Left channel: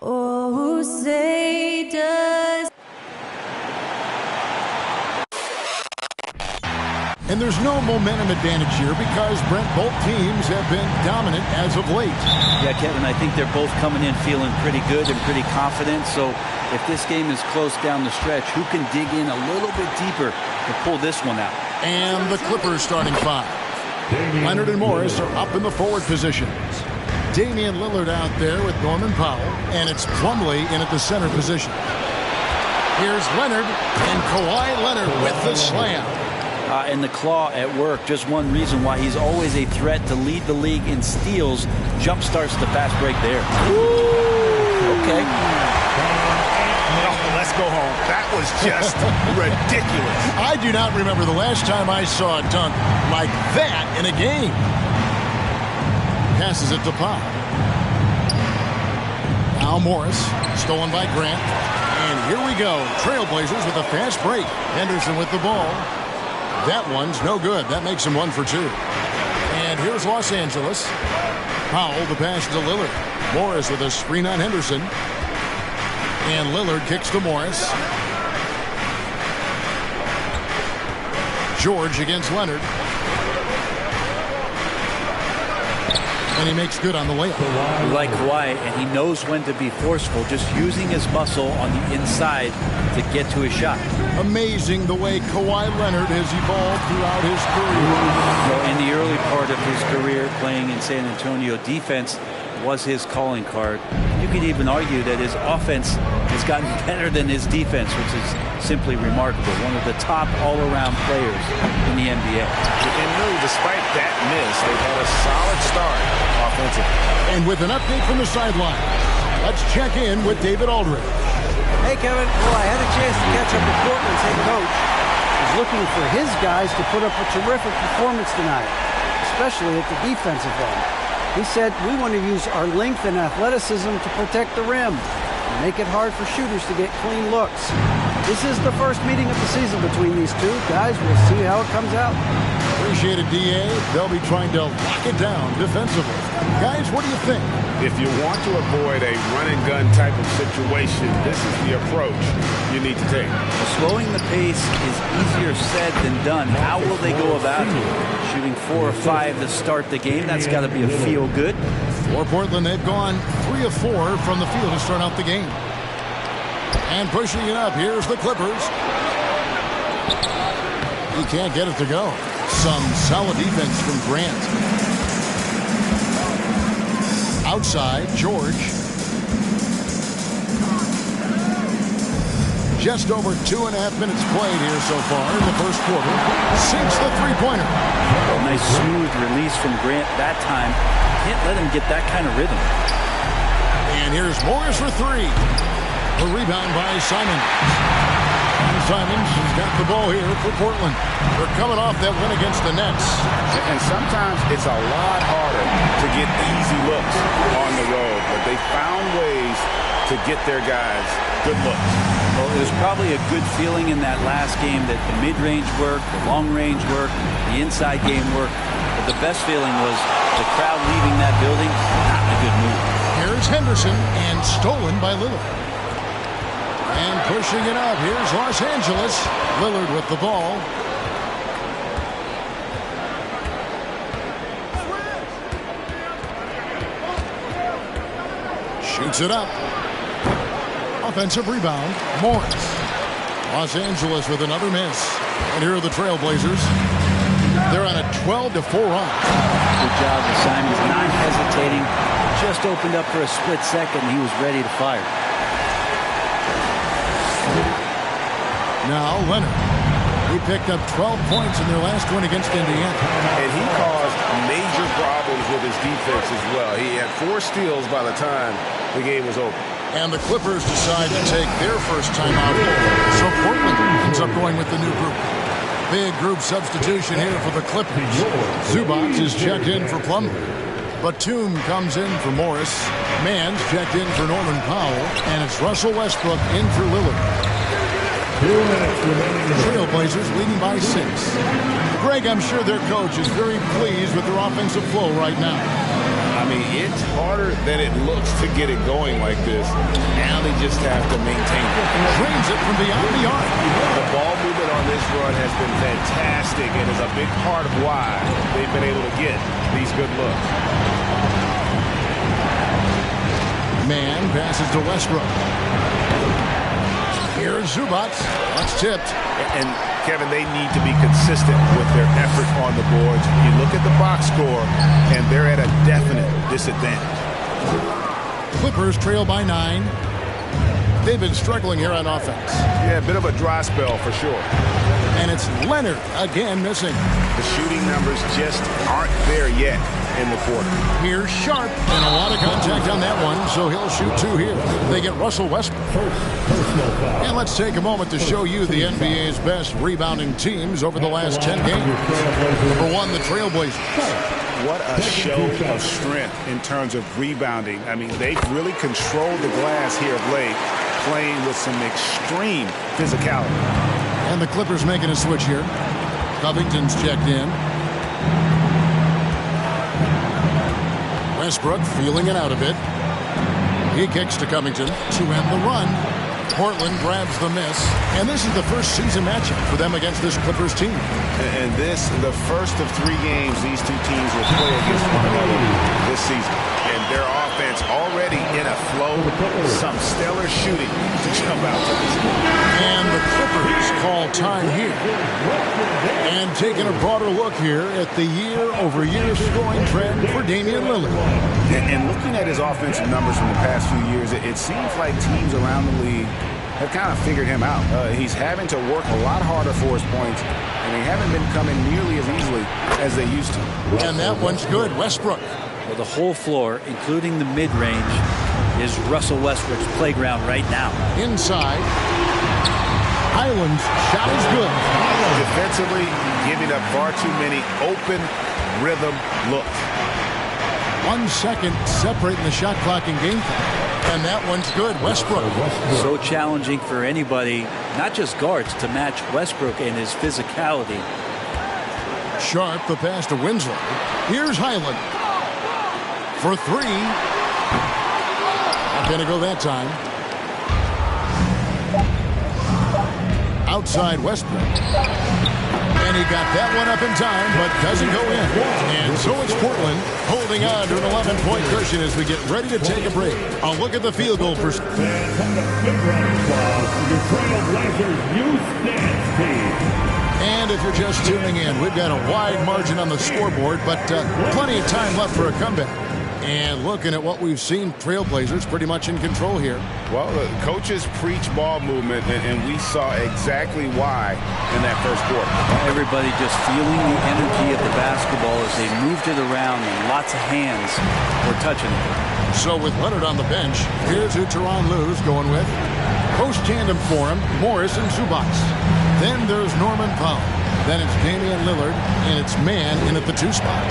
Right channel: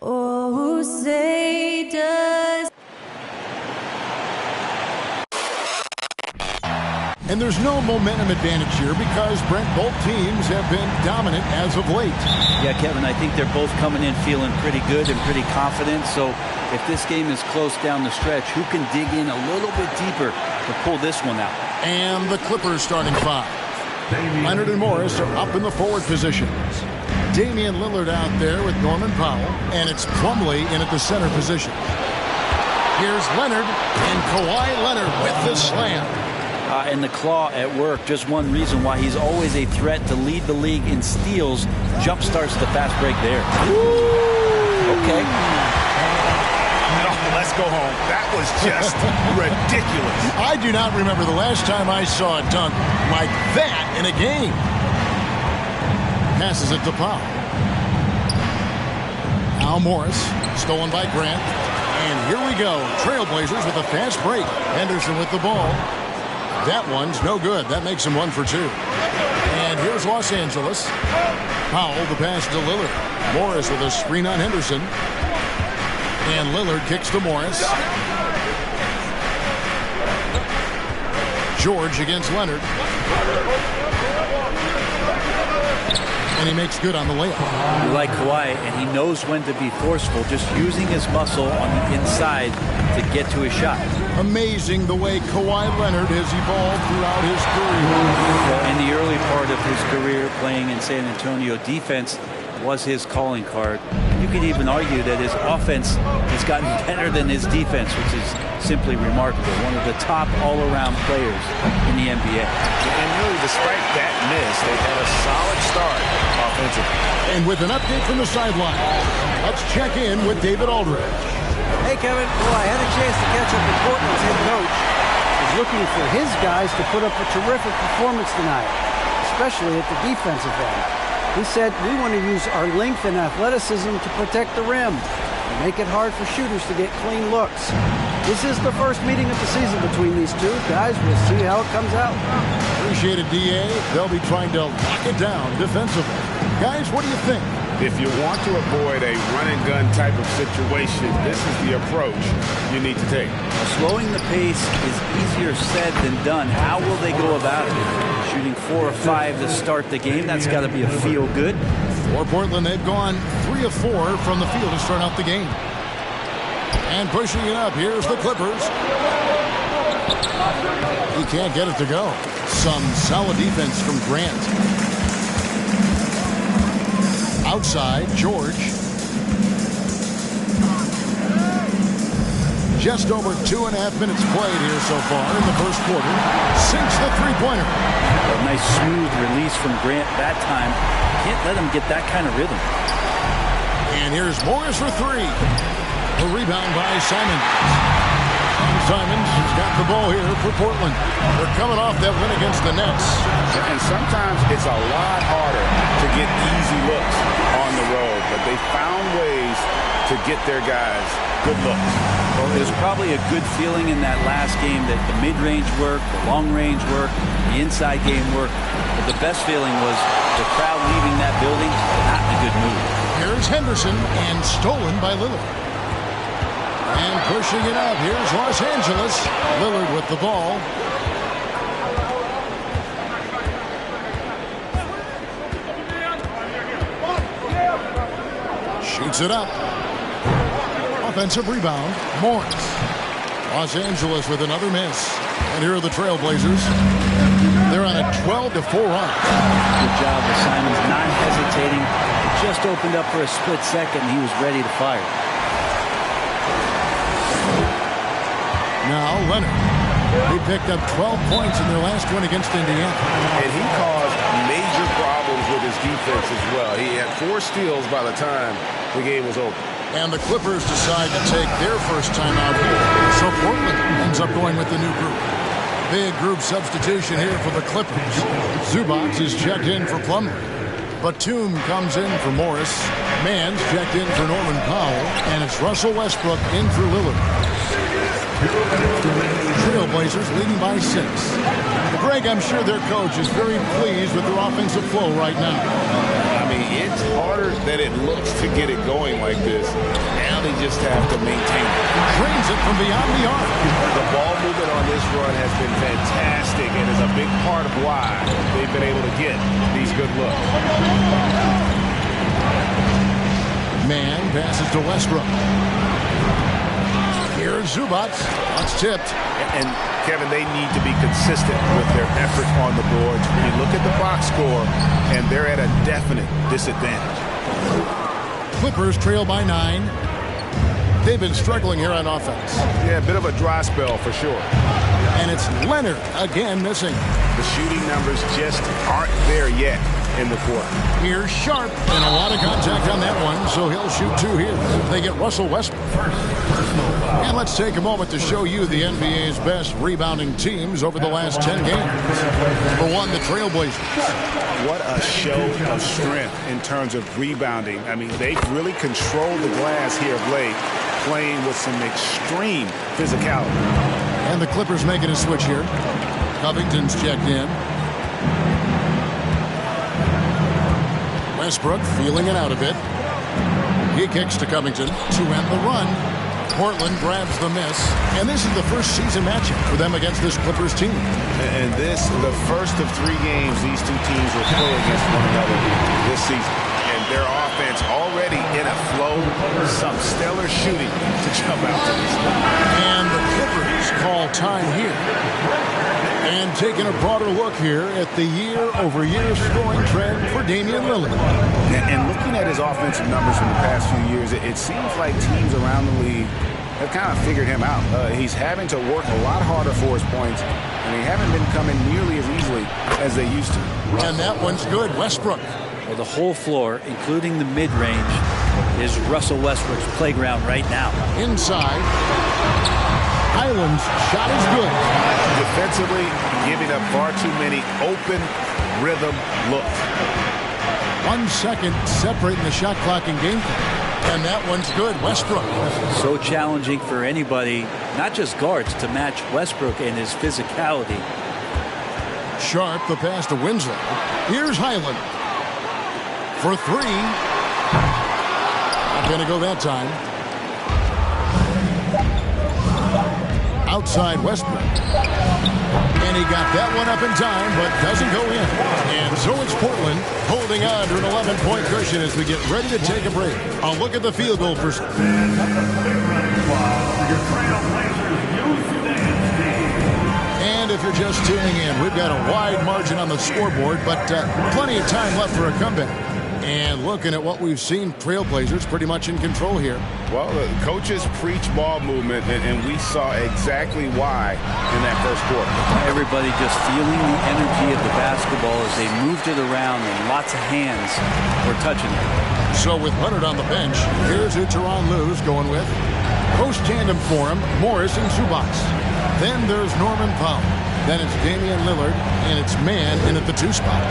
Oh, say does. And there's no momentum advantage here because, Brent, both teams have been dominant as of late. Yeah, Kevin, I think they're both coming in feeling pretty good and pretty confident. So if this game is close down the stretch, who can dig in a little bit deeper to pull this one out? And the Clippers starting five. Leonard and Morris are up in the forward positions. Damian Lillard out there with Norman Powell, and it's Plumlee in at the center position. Here's Leonard, and Kawhi Leonard with the slam. And the claw at work, just one reason why he's always a threat to lead the league in steals. Jump starts the fast break there. Ooh. Okay. Oh, let's go home. That was just ridiculous. I do not remember the last time I saw a dunk like that in a game. Passes it to Powell. Now Morris, stolen by Grant. And here we go. Trailblazers with a fast break. Henderson with the ball. That one's no good. That makes him 1 for 2. And here's Los Angeles. Powell, the pass to Lillard. Morris with a screen on Henderson. And Lillard kicks to Morris. George against Leonard. And he makes good on the layup. You like Kawhi, and he knows when to be forceful, just using his muscle on the inside to get to his shot. Amazing the way Kawhi Leonard has evolved throughout his career. Well, in the early part of his career playing in San Antonio, defense was his calling card. You could even argue that his offense has gotten better than his defense, which is simply remarkable. One of the top all-around players in the NBA. And really, despite that miss, they've had a solid start offensively. And with an update from the sideline, let's check in with David Aldridge. Hey, Kevin. Well, I had a chance to catch up with Portland's head coach. He's looking for his guys to put up a terrific performance tonight, especially at the defensive end. He said, we want to use our length and athleticism to protect the rim and make it hard for shooters to get clean looks. This is the first meeting of the season between these two. Guys, we'll see how it comes out. Appreciate it, D.A. They'll be trying to lock it down defensively. Guys, what do you think? If you want to avoid a run-and-gun type of situation, this is the approach you need to take. Well, slowing the pace is easier said than done. How will they go about it? Shooting 4 of 5 to start the game. That's got to be a feel-good. For Portland, they've gone 3 of 4 from the field to start out the game. And pushing it up, here's the Clippers. He can't get it to go. Some solid defense from Grant. Outside, George. Just over 2.5 minutes played here so far in the first quarter. Sinks the three-pointer. A nice smooth release from Grant that time. Can't let him get that kind of rhythm. And here's Morris for 3. A rebound by Simons. And Simons has got the ball here for Portland. They're coming off that win against the Nets. And sometimes it's a lot harder to get easy looks on the road, but they found ways to get their guys good looks. Well, it was probably a good feeling in that last game that the mid-range worked, the long-range worked, the inside game worked. But the best feeling was the crowd leaving that building not in a good mood. Here's Henderson, and stolen by Lillard. And pushing it up, here's Los Angeles. Lillard with the ball. Shoots it up. Offensive rebound, Morris. Los Angeles with another miss. And here are the Trailblazers. They're on a 12-4 run. Good job with Simons not hesitating. It just opened up for a split second, and he was ready to fire. Now Leonard. He picked up 12 points in their last win against Indiana. And he caused major problems with his defense as well. He had 4 steals by the time the game was over. And the Clippers decide to take their first time out here. So Portland ends up going with the new group. Big group substitution here for the Clippers. Zubac is checked in for Plumlee. Batum comes in for Morris. Mann's checked in for Norman Powell. And it's Russell Westbrook in for Lillard. Trailblazers leading by 6. Greg, I'm sure their coach is very pleased with their offensive flow right now. I'm mean, it's harder than it looks to get it going like this. Now they just have to maintain it. Drains it from beyond the arc. The ball movement on this run has been fantastic and is a big part of why they've been able to get these good looks. Man passes to Westbrook. Here's Zubac. That's tipped. And Kevin, they need to be consistent with their effort on the boards. You look at the box score, and they're at a definite disadvantage. Clippers trail by 9. They've been struggling here on offense. Yeah, a bit of a dry spell for sure. And it's Leonard again missing. The shooting numbers just aren't there yet in the quarter. Here's Sharp, and a lot of contact on that one, so he'll shoot 2 here. They get Russell Westbrook. And let's take a moment to show you the NBA's best rebounding teams over the last 10 games. Number 1, the Trailblazers. What a show of strength in terms of rebounding. I mean, they've really controlled the glass here of late, playing with some extreme physicality. And the Clippers making a switch here. Covington's checked in. Westbrook feeling it out a bit. He kicks to Covington to end the run. Portland grabs the miss. And this is the first season matchup for them against this Clippers team. And this, the first of 3 games these two teams will play against one another this season. And their offense already in a flow. Some stellar shooting to jump out to this game. And the Clippers call time here. And taking a broader look here at the year-over-year scoring trend for Damian Lillard. And looking at his offensive numbers from the past few years, it seems like teams around the league have kind of figured him out. He's having to work a lot harder for his points, and they haven't been coming nearly as easily as they used to. And that one's good. Westbrook. Well, the whole floor, including the mid-range, is Russell Westbrook's playground right now. Inside. Highland's shot is good. Defensively, giving up far too many open rhythm looks. 1 second separating the shot clock and game clock. And that one's good. Westbrook. So challenging for anybody, not just guards, to match Westbrook and his physicality. Sharp, the pass to Winslow. Here's Highland. For 3. Not going to go that time. Outside Westbrook. And he got that one up in time, but doesn't go in. And so it's Portland holding on to an 11-point cushion as we get ready to take a break. I'll look at the field goal for... And if you're just tuning in, we've got a wide margin on the scoreboard, but plenty of time left for a comeback. And looking at what we've seen, Trailblazers pretty much in control here. Well, the coaches preach ball movement, and we saw exactly why in that first quarter. Everybody just feeling the energy of the basketball as they moved it around, and lots of hands were touching it. So with Leonard on the bench, here's who Tyronn Lue's going with. Post tandem for him, Morris and Zubac. Then there's Norman Powell. Then it's Damian Lillard, and it's Man in at the 2 spot.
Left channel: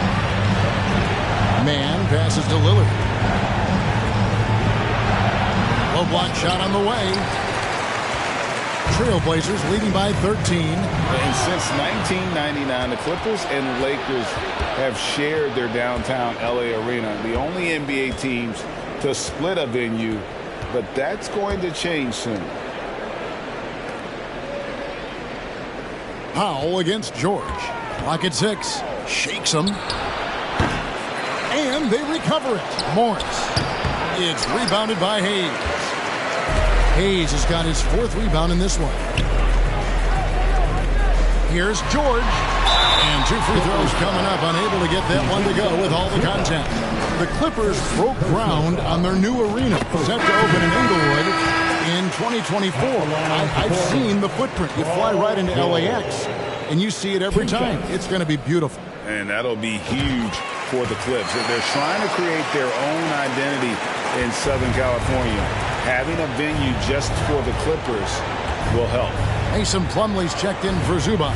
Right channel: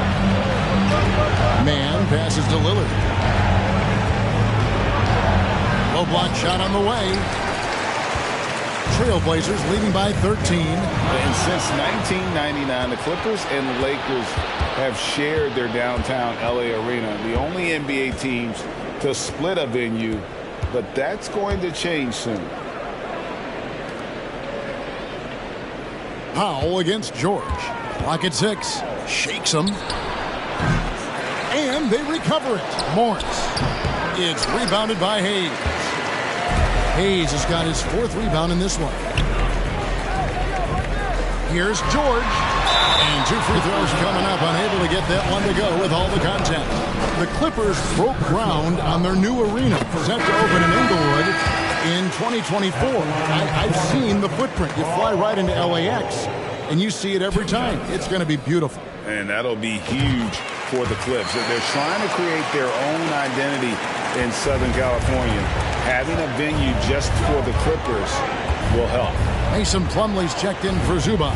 Man passes to Lillard. Low block shot on the way. Trailblazers leading by 13. And since 1999, the Clippers and the Lakers have shared their downtown LA arena. The only NBA teams to split a venue, but that's going to change soon. Powell against George. Clock at 6. Shakes him. And they recover it. Morris. It's rebounded by Hayes. Hayes has got his 4th rebound in this one. Here's George. And 2 free throws coming up. Unable to get that one to go with all the contact. The Clippers broke ground on their new arena, set to open in Inglewood in 2024. I've seen the footprint. You fly right into LAX, and you see it every time. It's going to be beautiful. And that'll be huge for the Clips. They're trying to create their own identity in Southern California. Having a venue just for the Clippers will help. Mason Plumlee's checked in for Zubac.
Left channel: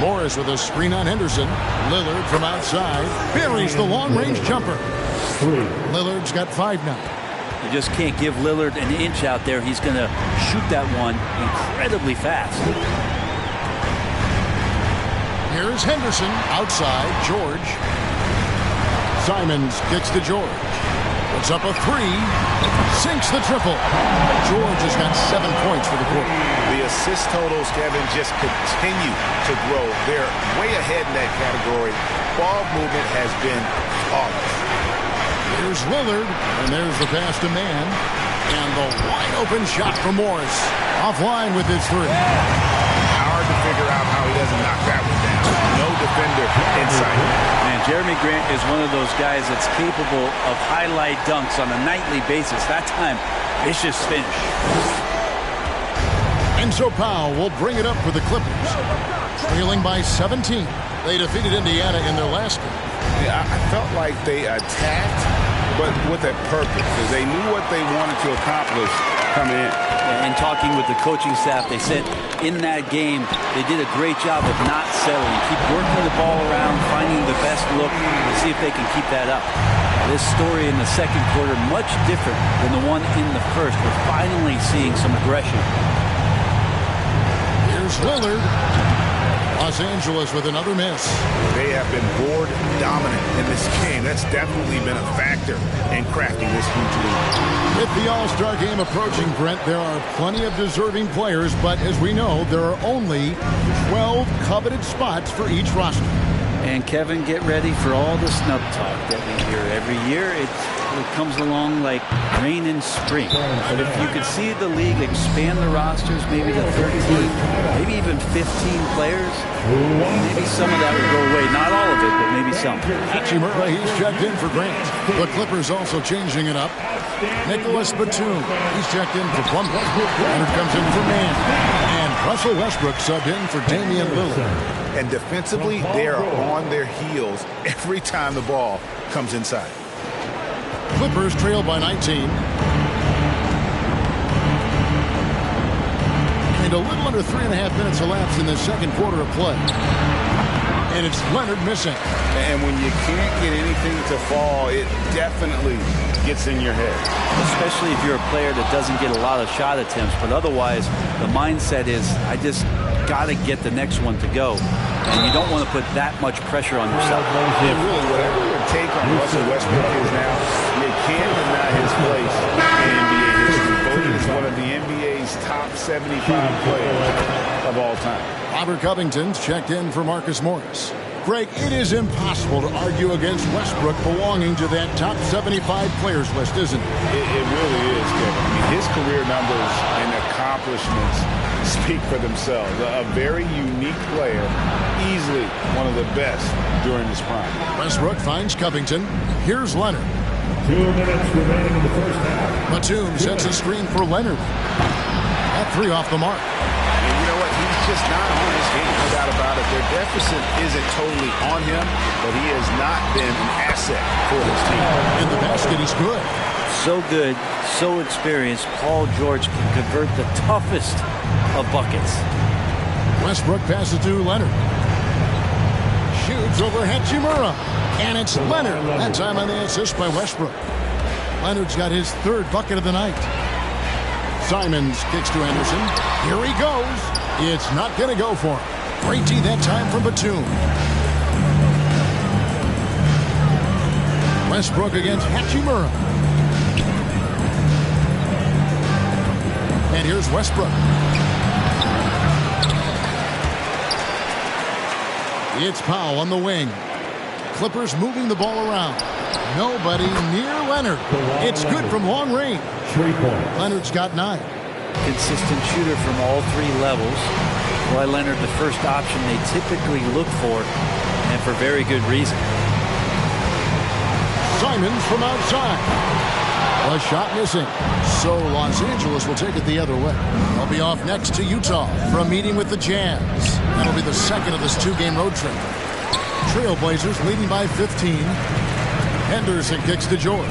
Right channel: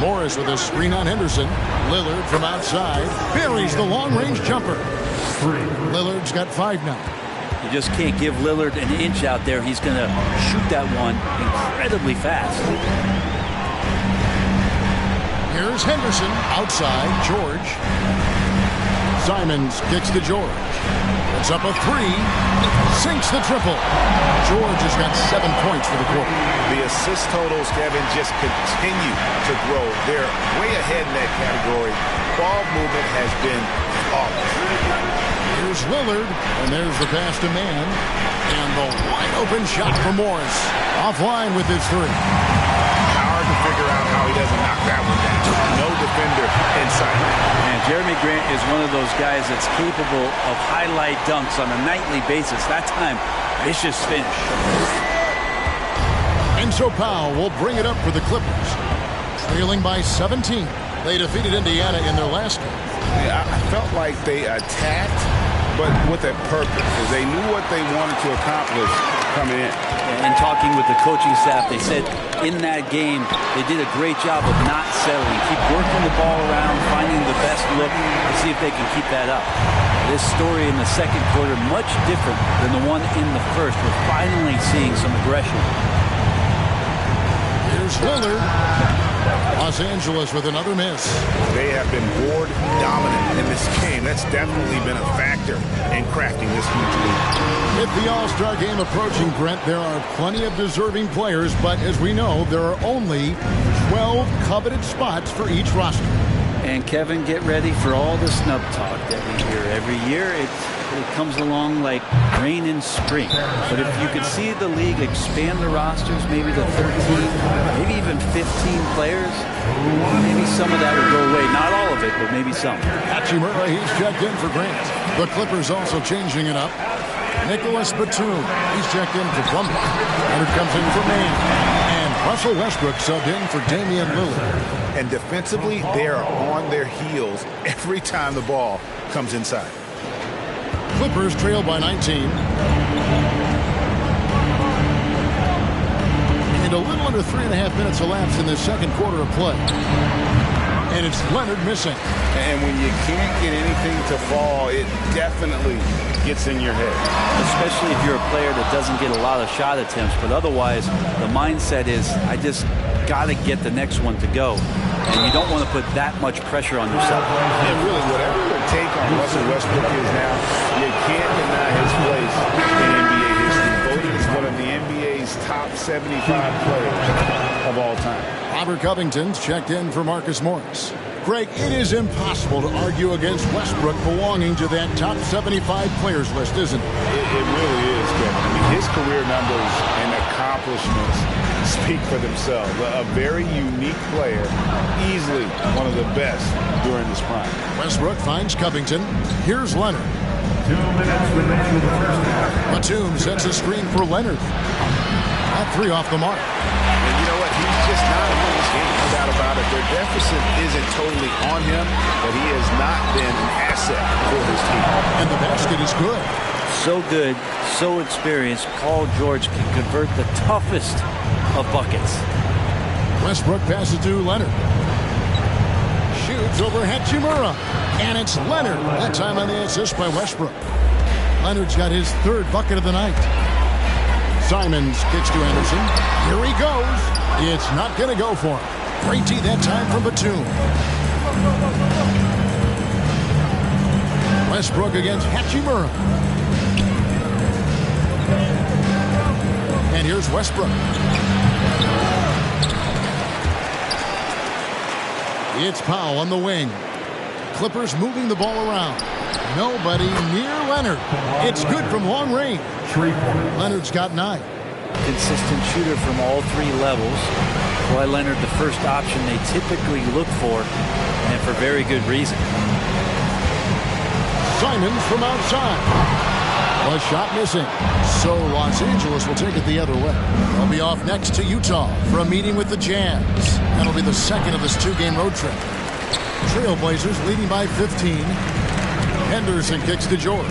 Morris with a screen on Henderson. Lillard from outside buries the long-range jumper. Lillard's got 5 now. You just can't give Lillard an inch out there. He's going to shoot that one incredibly fast. Here's Henderson outside. George. Simons kicks to George. Puts up a three. Sinks the triple. George has got 7 points for the quarter. The assist totals, Kevin, just continue to grow. They're way ahead in that category. Ball movement has been flawless. Here's Lillard, and there's the pass to Mann. And the wide-open shot for Morris. Offline with his three. Hard to figure out how he doesn't knock that one down. No defender in sight. Man, Jeremy Grant is one of those guys that's capable of highlight dunks on a nightly basis. That time, vicious finish. And so Powell will bring it up for the Clippers. Trailing by 17. They defeated Indiana in their last game. Yeah, I felt like they attacked, but with a purpose, because they knew what they wanted to accomplish coming in. And talking with the coaching staff, they said in that game they did a great job of not settling. Keep working the ball around, finding the best look, and see if they can keep that up. This story in the second quarter, much different than the one in the first. We're finally seeing some aggression. Here's Lillard. Los Angeles with another miss. They have been board dominant in this game. That's definitely been a factor in crafting this huge lead. With the All-Star game approaching, Brent, there are plenty of deserving players, but as we know, there are only 12 coveted spots for each roster. And Kevin, get ready for all the snub talk that we hear every year. It comes along like rain in spring. But if you could see the league expand the rosters, maybe to 13, maybe even 15 players, maybe some of that would go away. Not all of it, but maybe some. Hachimura, he's checked in for Grant. The Clippers also changing it up. Nicholas Batum, he's checked in for Plumlee. Leonard comes in for Mann. And Russell Westbrook subbed in for Damian Lillard. And defensively, they are on their heels every time the ball comes inside. Clippers trail by 19. And a little under 3.5 minutes elapsed in the second quarter of play. And it's Leonard missing. And when you can't get anything to fall, it definitely gets in your head. Especially if you're a player that doesn't get a lot of shot attempts. But otherwise, the mindset is, I just got to get the next one to go. And you don't want to put that much pressure on yourself. And really, whatever your take on Russell Westbrook is now, you can't deny his place in NBA history. Voted as one of the NBA's top 75 players of all time. Robert Covington's checked in for Marcus Morris. Greg, it is impossible to argue against Westbrook belonging to that top 75 players list, isn't it? It really is, Kevin. I mean, his career numbers and accomplishments speak for themselves. A very unique player, easily one of the best during his prime. Westbrook finds Covington. Here's Leonard. 2 minutes remaining in the first half. Batum sets a screen for Leonard. That three off the mark. And you know what? He's just not on his game, no doubt about it. Their deficit isn't totally on him, but he has not been an asset for his team. And the basket is good. So good, so experienced. Paul George can convert the toughest of buckets. Westbrook passes to Leonard. Shoots over Hachimura. And it's Leonard. That time on the assist by Westbrook. Leonard's got his third bucket of the night. Simons kicks to Anderson. Here he goes. It's not going to go for him. Great D that time from Batum. Westbrook against Hachimura. And here's Westbrook. It's Powell on the wing. Clippers moving the ball around. Nobody near Leonard. It's good from long range. 3 points. Leonard's got 9. Consistent shooter from all three levels. Kawhi Leonard, the first option they typically look for, and for very good reason. Simons from outside. A shot missing. So Los Angeles will take it the other way. They'll be off next to Utah for a meeting with the Jazz. That'll be the second of this 2-game road trip. Trailblazers leading by 15. Henderson kicks to George.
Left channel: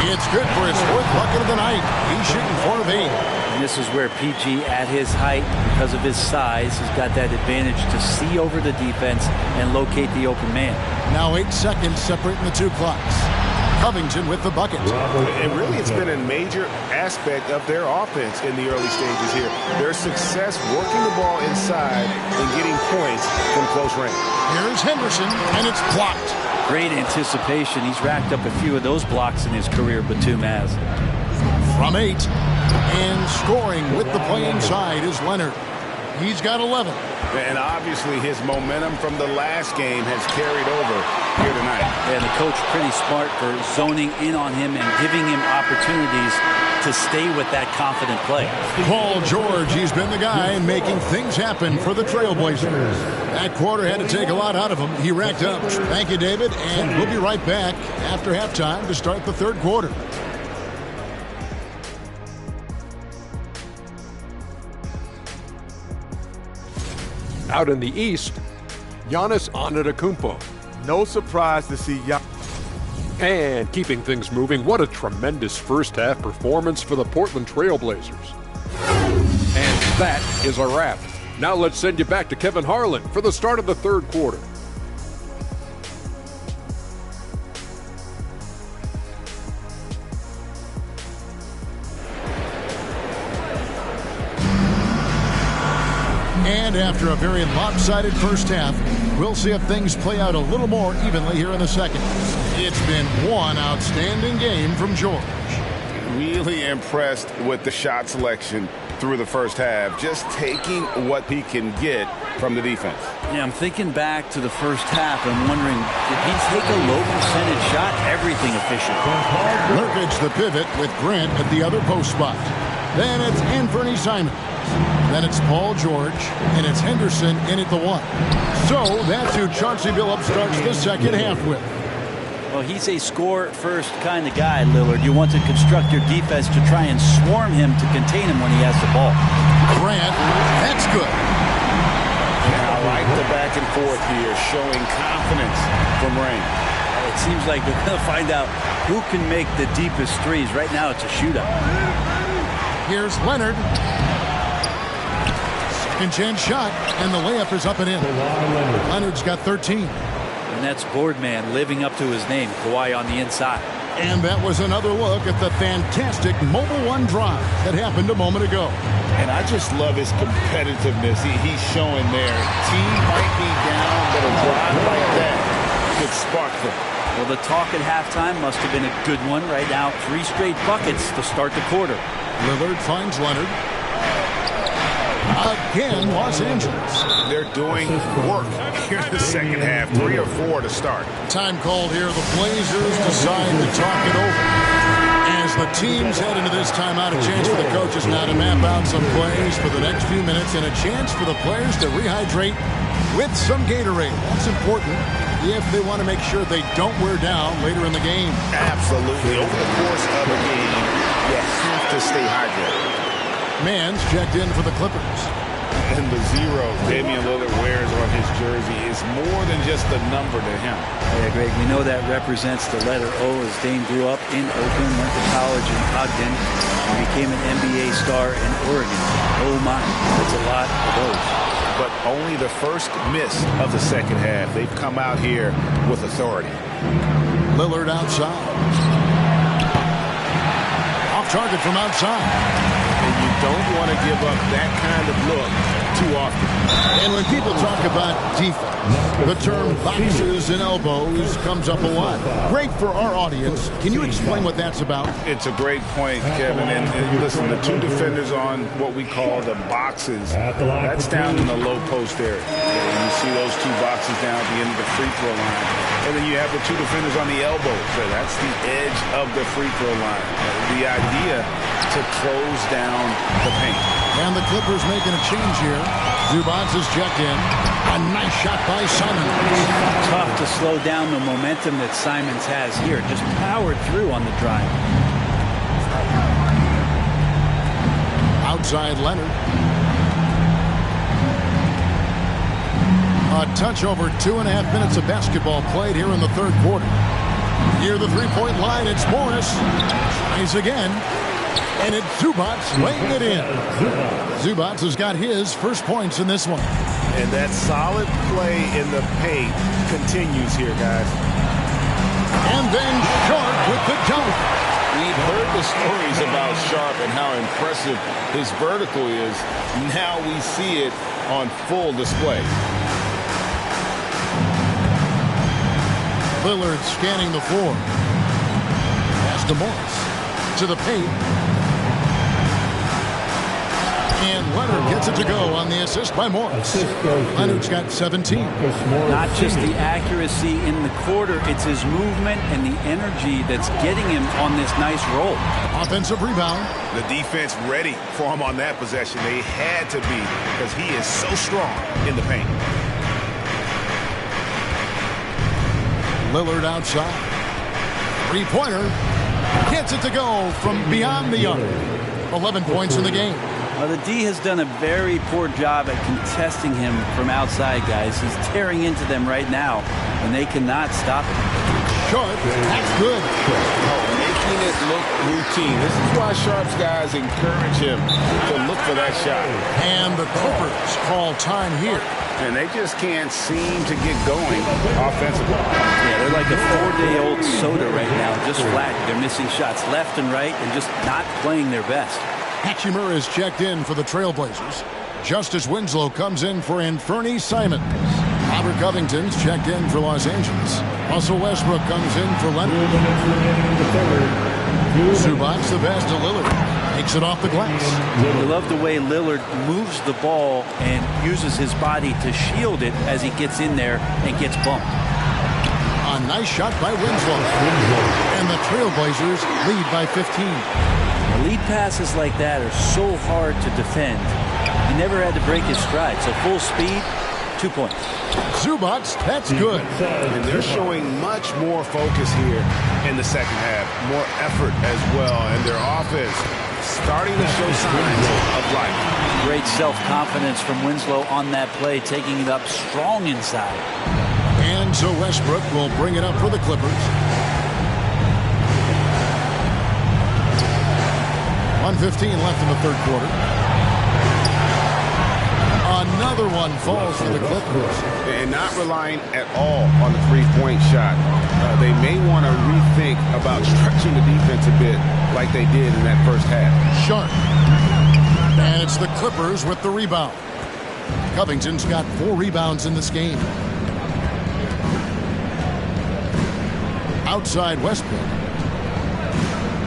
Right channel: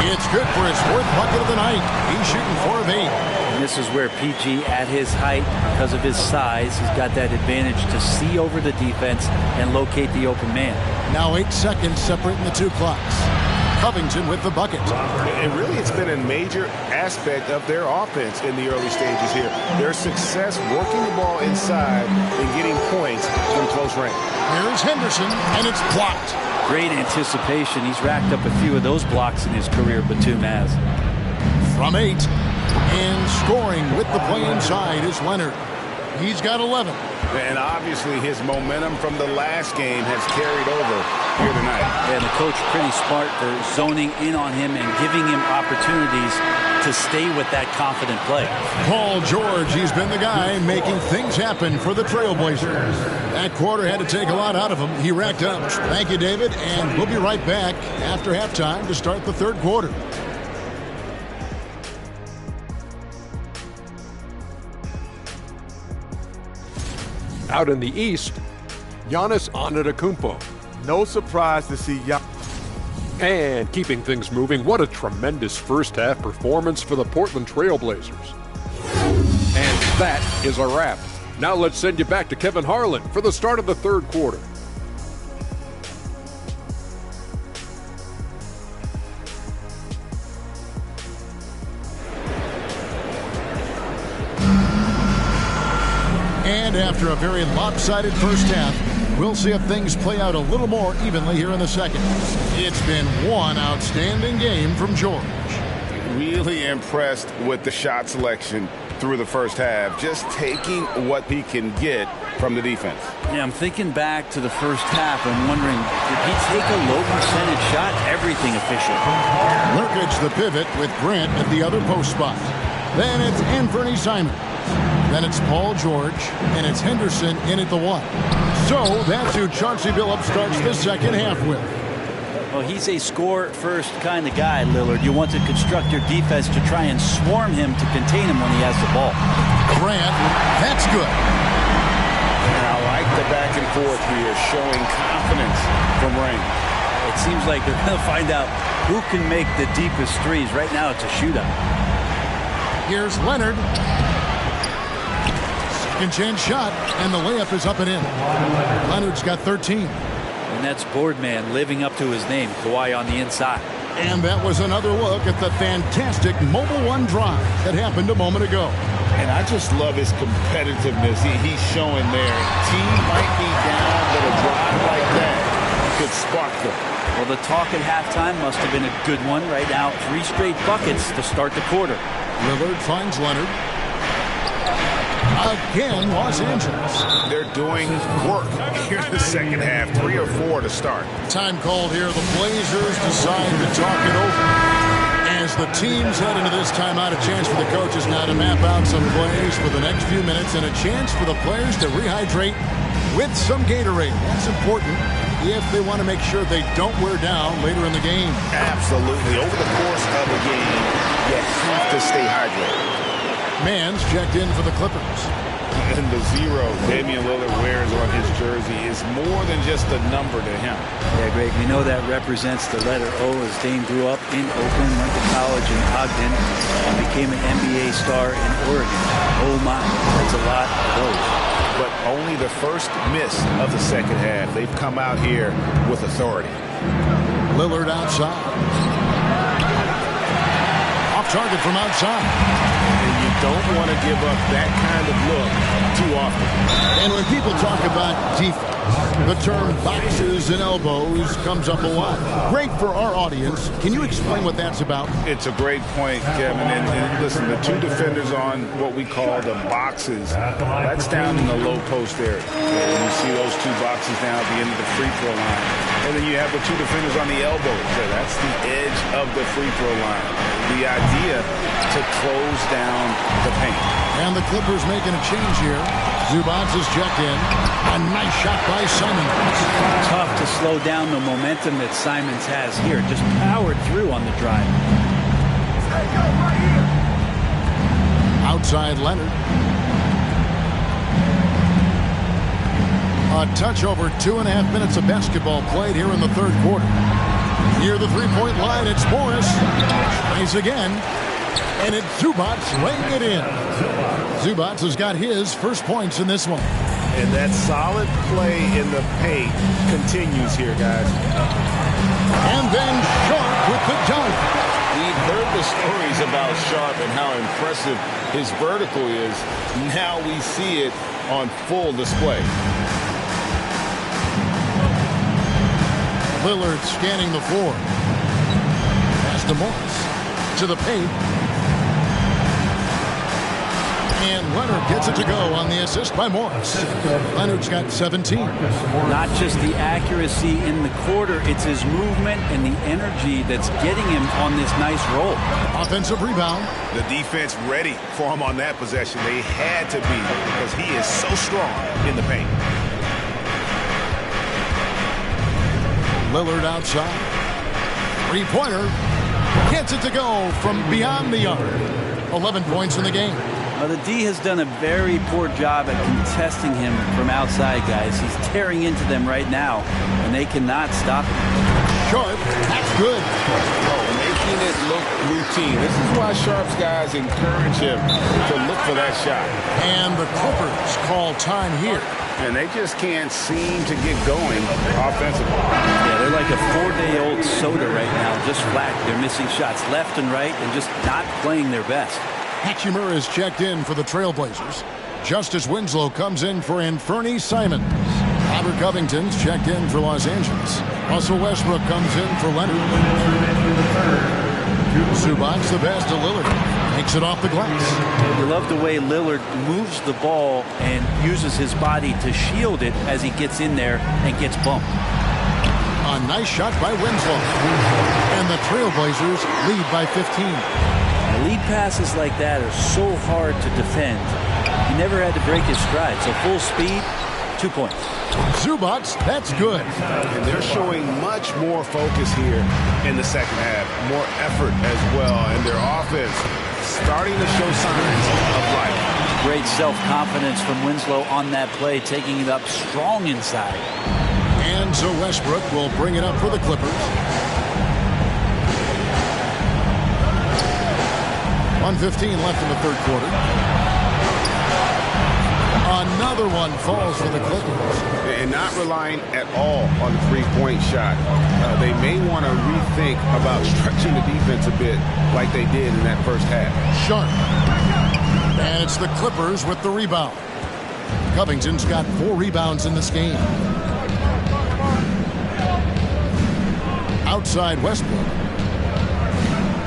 It's good for his 4th bucket of the night. He's shooting 4 of 8. And this is where PG, at his height, because of his size, has got that advantage to see over the defense and locate the open man. Now 8 seconds separating the two clocks. Covington with the bucket. And really, it's been a major aspect of their offense in the early stages here. Their success working the ball inside and getting points from close range. Here's Henderson, and it's blocked. Great anticipation. He's racked up a few of those blocks in his career, Batum has. From 8 and scoring with the play inside is Leonard. He's got 11. And obviously his momentum from the last game has carried over here tonight. And the coach pretty smart for zoning in on him and giving him opportunities to stay with that confident play. Paul George, he's been the guy making things happen for the Trailblazers. That quarter had to take a lot out of him. He racked up. Thank you, David, and we'll be right back after halftime to start the third quarter. Out in the East, Giannis Antetokounmpo. No surprise to see Giannis. And keeping things moving, what a tremendous first-half performance for the Portland Trailblazers. And that is a wrap. Now let's send you back to Kevin Harlan for the start of the third quarter. And after a very lopsided first half, we'll see if things play out a little more evenly here in the second. It's been one outstanding game from George. Really impressed with the shot selection through the first half, just taking what he can get from the defense. Yeah, I'm thinking back to the first half and wondering, did he take a low percentage shot? Everything efficient. Nurkic the pivot with Grant at the other post spot. Then it's Anthony Simons. Then it's Paul George, and it's Henderson in at the 1. So that's who Chauncey Billups starts the second half with. Well, he's a score-first kind of guy, Lillard. You want to construct your defense to try and swarm him to contain him when he has the ball. Grant, that's good. And I like the back and forth here, showing confidence from Rain. It seems like they're going to find out who can make the deepest threes. Right now, it's a shootout. Here's Leonard. Second chance shot, and the layup is up and in. Leonard's got 13. And that's Boardman living up to his name, Kawhi on the inside. And that was another look at the fantastic Mobile One drive that happened a moment ago. And I just love his competitiveness he's showing there. Team might be down, but a drive like that could spark them. Well, the talk at halftime must have been a good one. Right now, 3 straight buckets to start the quarter. Lillard finds Leonard. Again, Los Angeles. They're doing work here in the second half. 3 or 4 to start. Time called here. The Blazers decide to talk it over. As the teams head into this timeout, a chance for the coaches now to map out some plays for the next few minutes and a chance for the players to rehydrate with some Gatorade. That's important if they want to make sure they don't wear down later in the game. Absolutely. Over the course of a game, you have to stay hydrated. Mann's checked in for the Clippers. And the 0 Damian Lillard wears on his jersey is more than just a number to him. Yeah, Greg, we know that represents the letter O, as Dame grew up in Oakland, went to college in Ogden, and became an NBA star in Oregon. Oh my, that's a lot of those. But only the first miss of the second half. They've come out here with authority. Lillard outside. Off target from outside. And you don't want to give up that kind of look too often. And when people talk about defense, the term boxes and elbows comes up a lot. Great for our audience. Can you explain what that's about? It's a great point, Kevin. And listen, the 2 defenders on what we call the boxes, that's down in the low post area. And you see those 2 boxes down at the end of the free throw line. And then you have the 2 defenders on the elbows. So that's the edge of the free throw line. The idea to close down the paint. And the Clippers making a change here. Zubac is checked in. A nice shot by Simons. Tough to slow down the momentum that Simons has here. Just powered through on the drive. Outside Leonard. A touch over 2.5 minutes of basketball played here in the third quarter. Near the three-point line, it's Morris. Tries again. And it's Zubac laying it in. Zubac has got his first points in this one. And that solid play in the paint continues here, guys. And then Sharp with the dunk. We've heard the stories about Sharp and how impressive his vertical is. Now we see it on full display. Lillard scanning the floor. Pass to Morris. To the paint. And Leonard gets it to go on the assist by Morris. Leonard's got 17. Not just the accuracy in the quarter, it's his movement and the energy that's getting him on this nice roll. Offensive rebound. The defense ready for him on that possession. They had to be because he is so strong in the paint. Lillard outside. Three-pointer. Gets it to go from beyond the arc. 11 points in the game. The D has done a very poor job at contesting him from outside, guys. He's tearing into them right now, and they cannot stop him. Sharp, that's good. Making it look routine. This is why Sharp's guys encourage him to look for that shot. And the Clippers call time here. And they just can't seem to get going offensively. Yeah, they're like a 4-day-old soda right now, just flat. They're missing shots left and right and just not playing their best. Hachimura is checked in for the Trailblazers. Justice Winslow comes in for Anfernee Simons. Robert Covington's checked in for Los Angeles. Russell Westbrook comes in for Leonard. Zubac the pass to Lillard. Makes it off the glass. You love the way Lillard moves the ball and uses his body to shield it as he gets in there and gets bumped. A nice shot by Winslow. And the Trailblazers lead by 15. Now, lead passes like that are so hard to defend. He never had to break his stride, so full speed, 2 points. Zubac, that's good. And they're showing much more focus here in the second half. More effort as well. And their offense starting to show signs of life. Great self-confidence from Winslow on that play, taking it up strong inside. And so Westbrook will bring it up for the Clippers. 1:15 left in the third quarter. Another one falls for the Clippers. And not relying at all on the three-point shot. They may want to rethink about stretching the defense a bit like they did in that first half. Sharp. And it's the Clippers with the rebound. Covington's got 4 rebounds in this game. Outside Westbrook.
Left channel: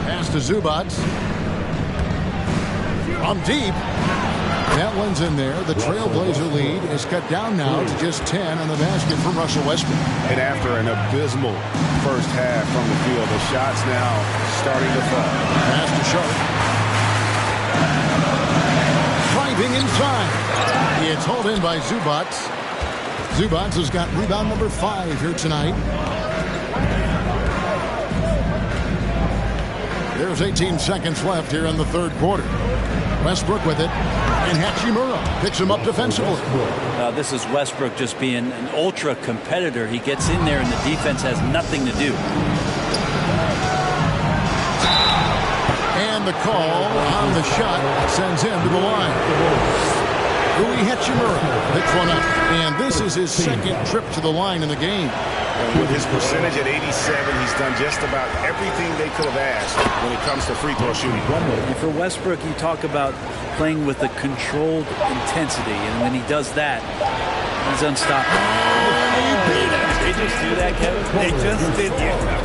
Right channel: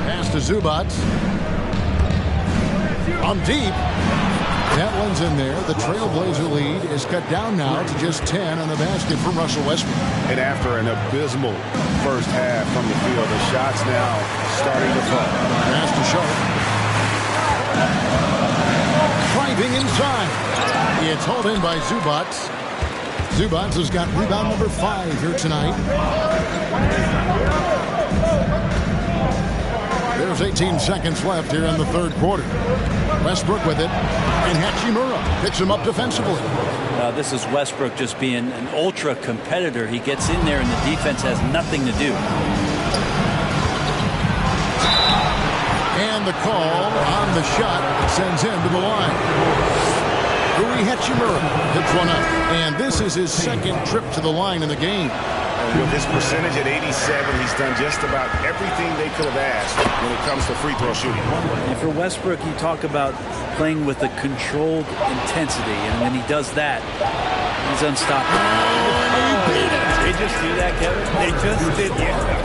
Pass to Zubac. From deep. That one's in there. The Trailblazer lead is cut down now to just 10 on the basket from Russell Westbrook. And after an abysmal first half from the field, the shots now starting to fall. Pass to Sharp. Driving inside. It's hauled in by Zubac. Zubac has got rebound number 5 here tonight. There's 18 seconds left here in the third quarter. Westbrook with it. And Hachimura picks him up defensively. This is Westbrook just being an ultra competitor. He gets in there and the defense has nothing to do. And the call on the shot sends him to the line. Rui Hachimura picks one up. And this is his second trip to the line in the game. And with his percentage at 87, he's done just about everything they could have asked when it comes to free throw shooting. And for Westbrook, you talk about playing with a controlled intensity. And when he does that, he's unstoppable. Oh, and he beat it. Did they just do that, Kevin? They just did that.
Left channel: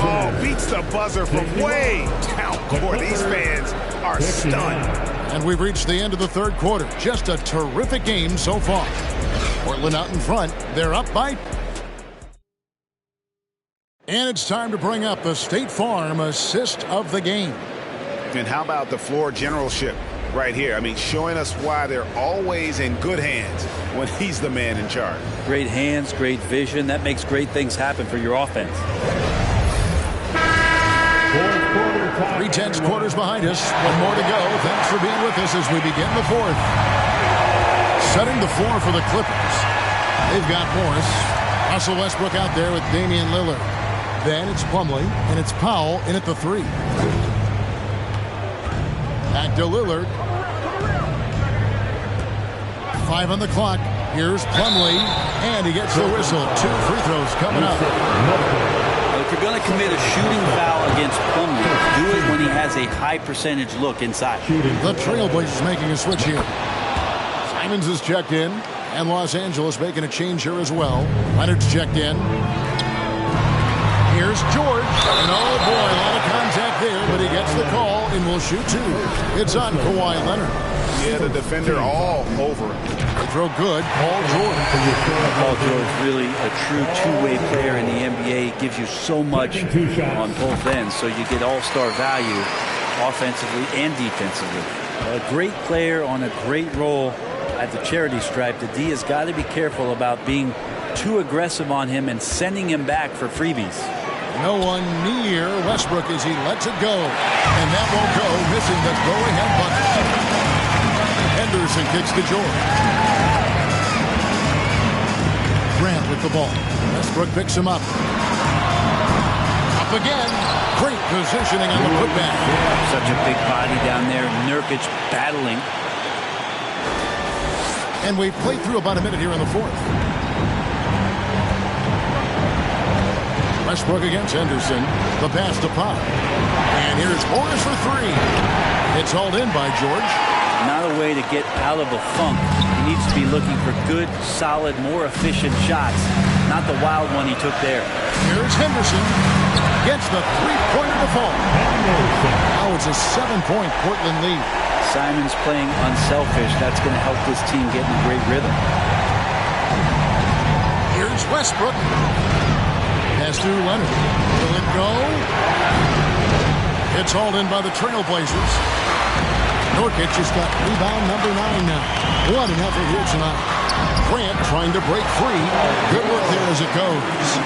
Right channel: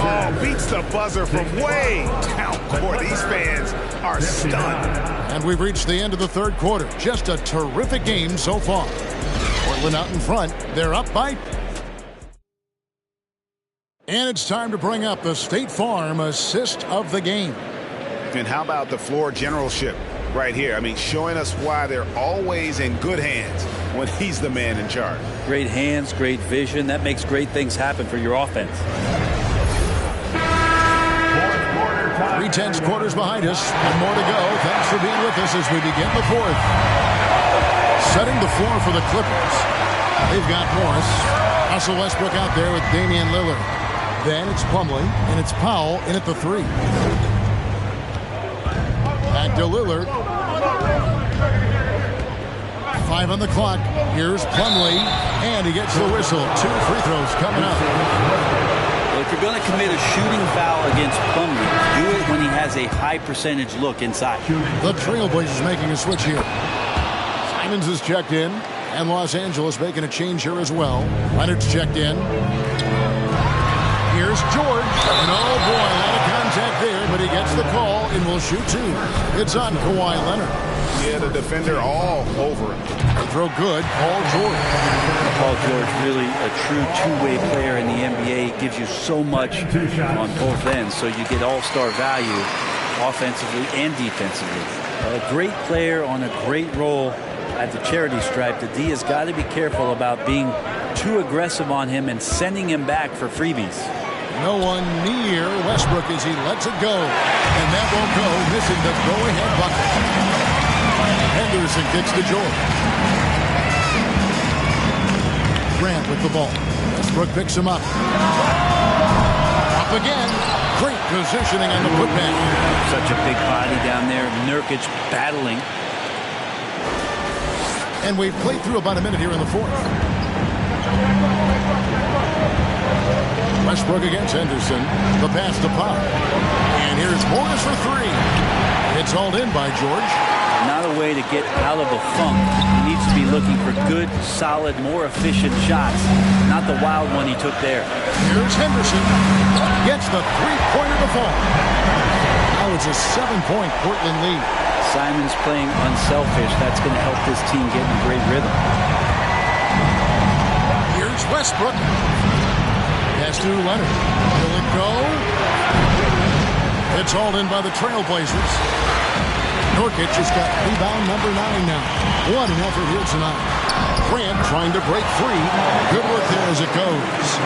Oh, beats the buzzer from way down court. These fans are stunned. And we've reached the end of the third quarter. Just a terrific game so far. Portland out in front. They're up by... And it's time to bring up the State Farm assist of the game. And how about the floor generalship right here? I mean, showing us why they're always in good hands when he's the man in charge. Great hands, great vision. That makes great things happen for your offense. 3/10 quarters behind us. One more to go. Thanks for being with us as we begin the fourth. Setting the floor for the Clippers. They've got Morris. Russell Westbrook out there with Damian Lillard. Then it's Plumlee, and it's Powell in at the 3. Back to Lillard. 5 on the clock. Here's Plumlee, and he gets the whistle. 2 free throws coming up. Well, if you're going to commit a shooting foul against Plumlee, do it when he has a high percentage look inside. The Trailblazers making a switch here. Simons is checked in. And Los Angeles making a change here as well. Leonard's checked in. Here's George. And oh boy, a lot of contact there, but he gets the call and will shoot two. It's on Kawhi Leonard. Yeah, the defender all over it. They throw good. Paul George. Paul George, really a true two-way player in the NBA. Gives you so much on both ends, so you get all-star value offensively and defensively. A great player on a great role at the charity stripe. The D has got to be careful about being too aggressive on him and sending him back for freebies. No one near Westbrook as he lets it go. And that won't go, missing the go-ahead bucket. Henderson kicks to George. Grant with the ball. Westbrook picks him up. Up again. Great positioning on the putback. Such a big body down there. Nurkic battling. And we've played through about a minute here in the fourth. Westbrook against Henderson. The pass to Pop. And here's Morris for three. It's hauled in by George. Not a way to get out of a funk. He needs to be looking for good, solid, more efficient shots. Not the wild one he took there. Here's Henderson. Gets the three-pointer to fall. Now it's a 7-point Portland lead. Simon's playing unselfish. That's going to help this team get in a great rhythm. Here's Westbrook. Pass to Leonard. Will it go? It's hauled in by the Trailblazers. Nurkic has got rebound number 9 now. What an effort here tonight. Grant trying to break free. Good work there as it goes.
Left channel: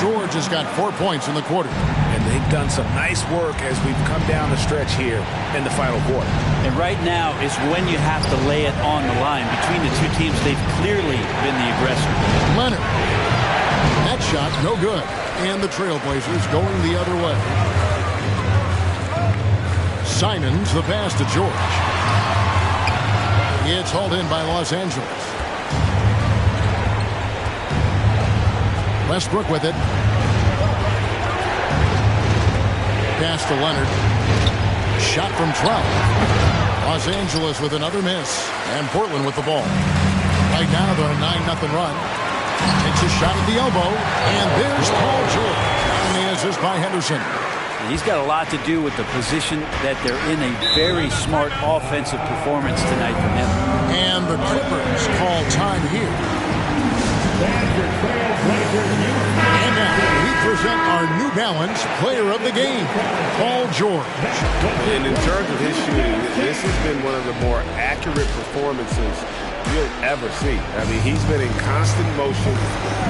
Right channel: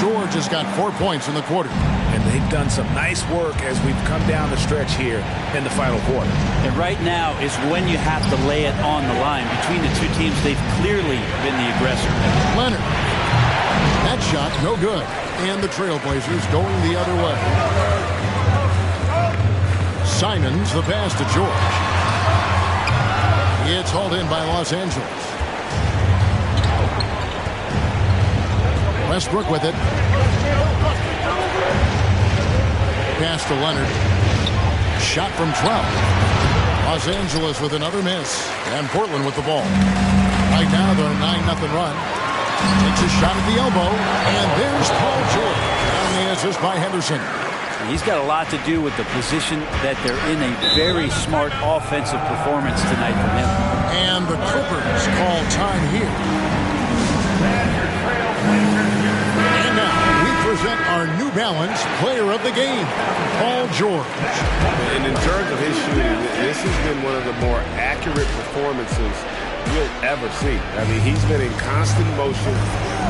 George has got 4 points in the quarter. And they've done some nice work as we've come down the stretch here in the final quarter. And right now is when you have to lay it on the line. Between the two teams, they've clearly been the aggressor. Leonard. That shot, no good. And the Trailblazers going the other way. Simons, the pass to George. It's hauled in by Los Angeles. Westbrook with it. Pass to Leonard. Shot from 12. Los Angeles with another miss. And Portland with the ball. Right now they're on a 9-0 run. Takes a shot at the elbow. And there's Paul George. And the assist by Henderson. He's got a lot to do with the position that they're in. A very smart offensive performance tonight from him. And the Clippers call time here. And now we present our New Balance player of the game, Paul George. And in terms of his shooting, this has been one of the more accurate performances you'll ever see. I mean, he's been in constant motion,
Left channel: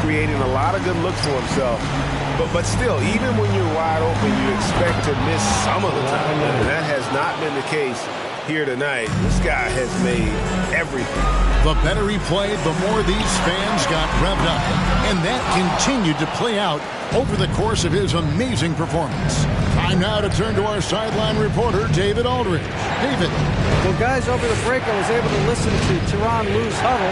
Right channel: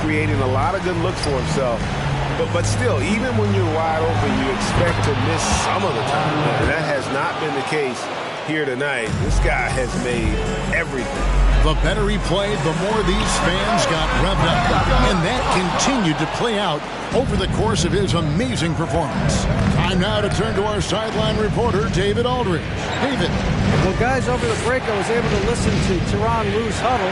creating a lot of good looks for himself. But still, even when you're wide open, you expect to miss some of the time. And that has not been the case here tonight. This guy has made everything. The better he played, the more these fans got revved up. And that continued to play out over the course of his amazing performance. Time now to turn to our sideline reporter, David Aldridge. David. Well, guys, over the break, I was able to listen to Tyronn Lue's huddle.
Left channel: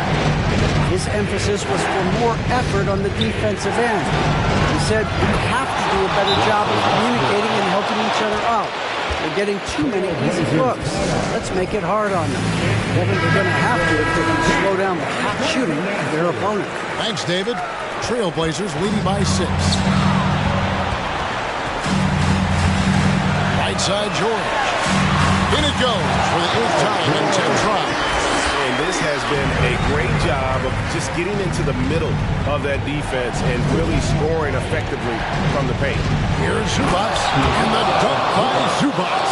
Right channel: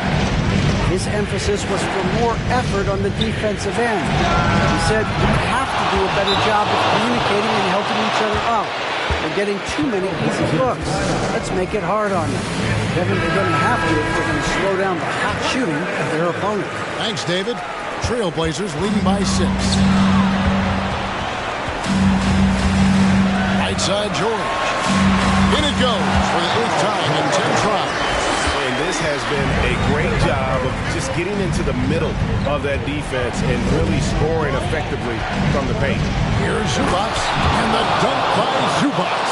His emphasis was for more effort on the defensive end. He said we have to do a better job of communicating and helping each other out. They're getting too many easy looks. Let's make it hard on them. Kevin, they're going to have to if they're going to slow down the hot shooting of their opponent. Thanks, David. Trailblazers leading by 6. Right side, George. In it goes for the 8th time in 10 tries. And this has been a great job of just getting into the middle of that defense and really scoring effectively from the paint. Here's Zubac, and the dunk by Zubac.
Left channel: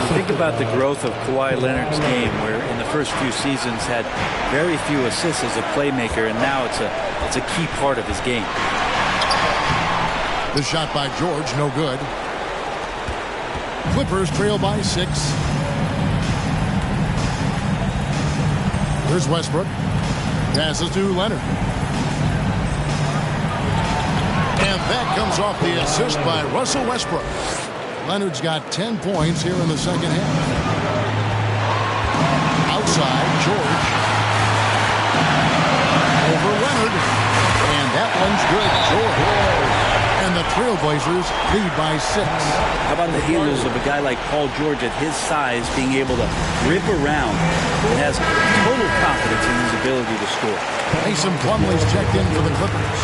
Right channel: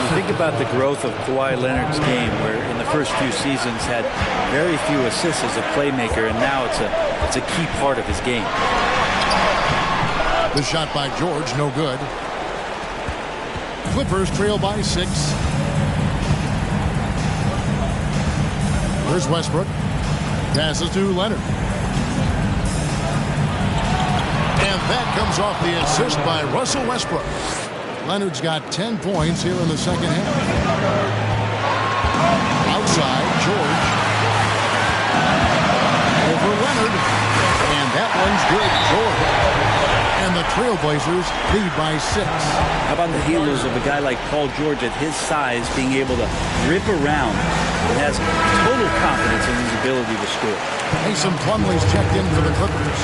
You think about the growth of Kawhi Leonard's game, where in the first few seasons had very few assists as a playmaker, and now it's a key part of his game. The shot by George, no good. Clippers trail by 6. Here's Westbrook. Passes to Leonard. And that comes off the assist by Russell Westbrook. Leonard's got 10 points here in the second half. Outside, George. Over Leonard. And that one's good. George. And the Trailblazers lead by 6. How about the handles of a guy like Paul George at his size being able to rip around and has total confidence in his ability to score. Mason Plumlee's checked in for the Clippers.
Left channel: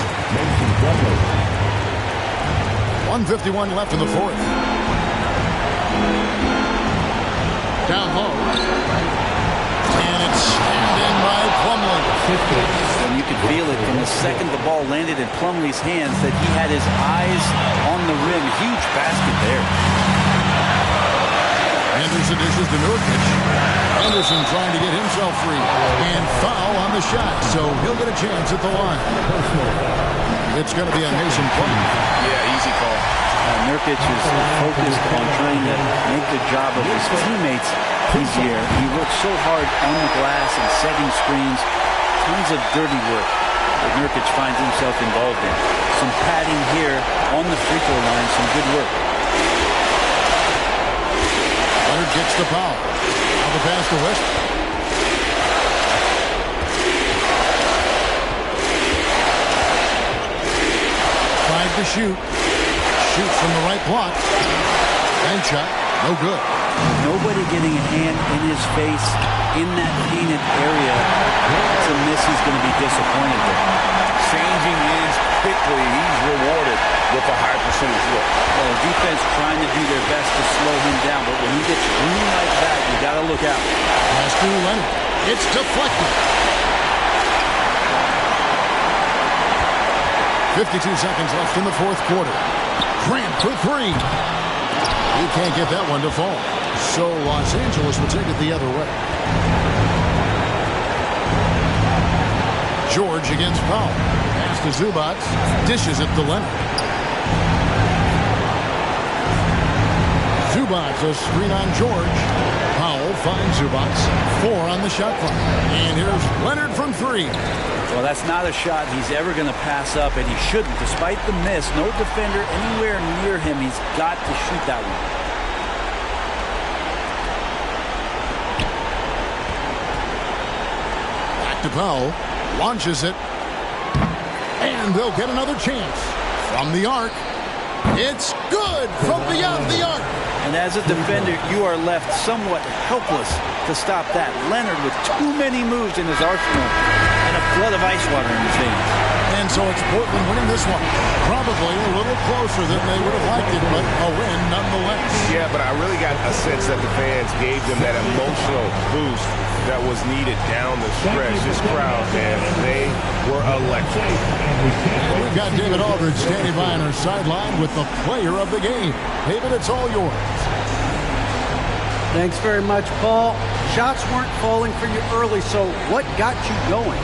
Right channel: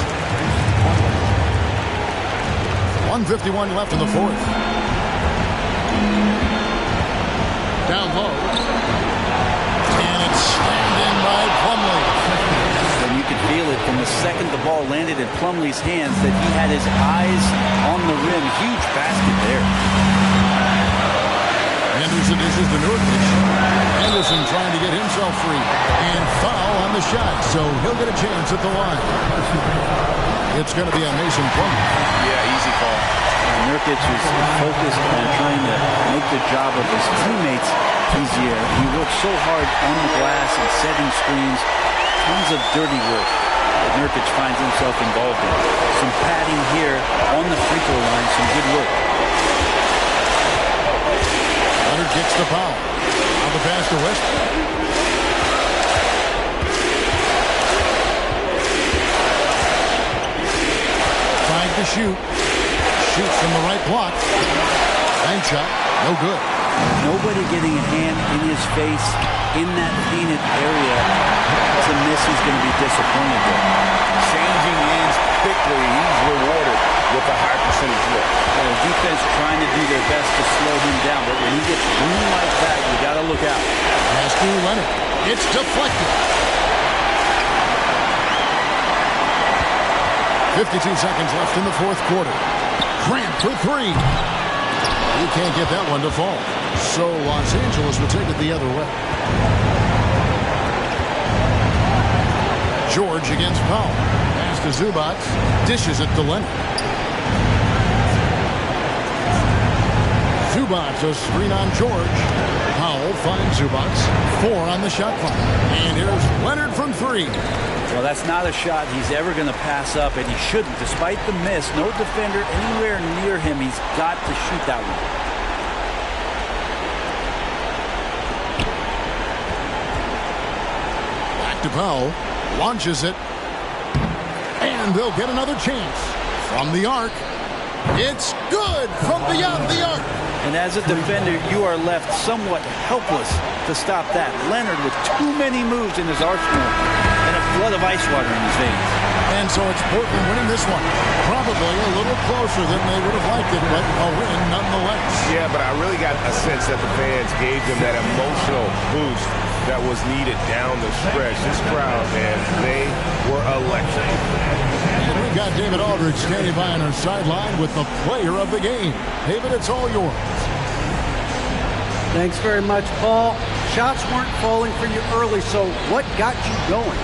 1:51 left in the fourth. Down low. And it's slammed in by Plumlee. And you could feel it from the second the ball landed in Plumlee's hands that he had his eyes on the rim. Huge basket there. Anderson dishes to Nurkic. Anderson trying to get himself free. And foul on the shot, so he'll get a chance at the line. It's going to be on Mason Plumlee. Yeah, easy call. Nurkic is focused on trying to make the job of his teammates easier. He works so hard on the glass and setting screens. Tons of dirty work that Nurkic finds himself involved in. Some padding here on the free throw line. Some good work. Leonard gets the foul. Now the pass to Westbrook. Tried to shoot. Shoots from the right block. Bank shot. No good. Nobody getting a hand in his face in that painted area. It's a miss he's going to be disappointed with. Changing ends quickly. He's rewarded with a high percentage look. Well, the defense trying to do their best to slow him down, but when he gets room like that, you got to look out. Pass to Leonard. It's deflected. 52 seconds left in the fourth quarter. Grant for 3. He can't get that one to fall. So Los Angeles will take it the other way. George against Powell. Pass to Zubac. Dishes it to Leonard. Zubac a screen on George. Powell finds Zubac. 4 on the shot clock. And here's Leonard from 3. Well, that's not a shot he's ever going to pass up, and he shouldn't. Despite the miss, no defender anywhere near him. He's got to shoot that one. Back to Powell. Launches it. And they'll get another chance. From the arc. It's good from beyond the arc. And as a defender, you are left somewhat helpless to stop that. Leonard with too many moves in his arsenal and a flood of ice water in his veins. And so it's Portland winning this one. Probably a little closer than they would have liked it, but a win nonetheless. Yeah, but I really got a sense that the fans gave them that emotional boost that was needed down the stretch. This crowd, man, they were electric. And we've got David Aldridge standing by on our sideline with the player of the game. David, it's all yours. Thanks very much, Paul. Shots weren't falling for you early, so what got you going?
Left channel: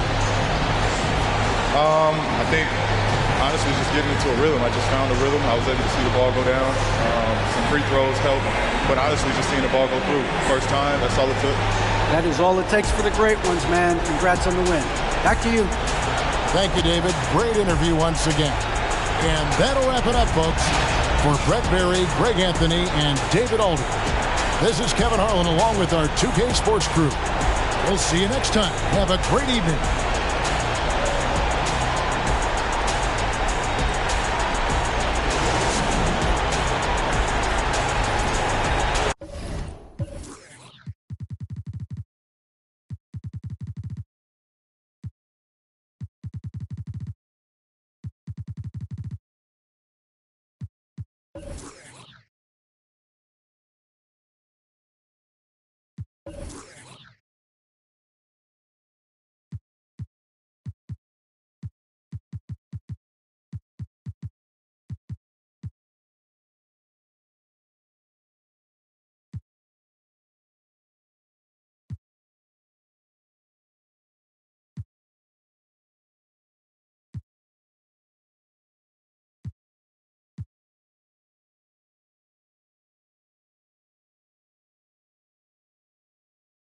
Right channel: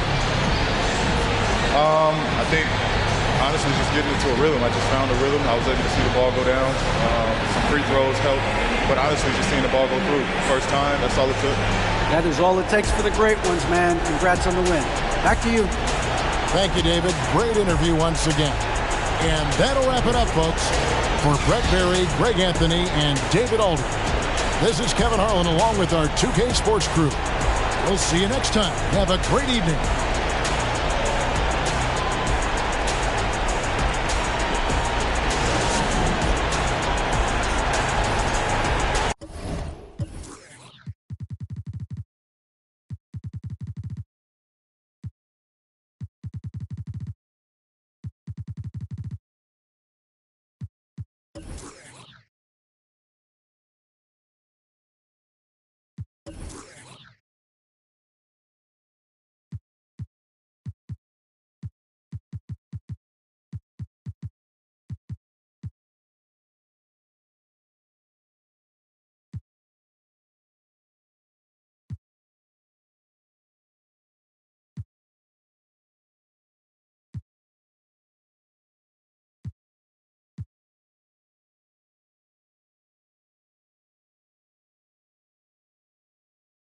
I think, honestly, just getting into a rhythm. I just found a rhythm. I was able to see the ball go down. Some free throws helped, but honestly, just seeing the ball go through. First time, that's all it took. That is all it takes for the great ones, man. Congrats on the win. Back to you. Thank you, David. Great interview once again. And that'll wrap it up, folks. For Brett Berry, Greg Anthony, and David Aldridge, this is Kevin Harlan along with our 2K Sports crew. We'll see you next time. Have a great evening.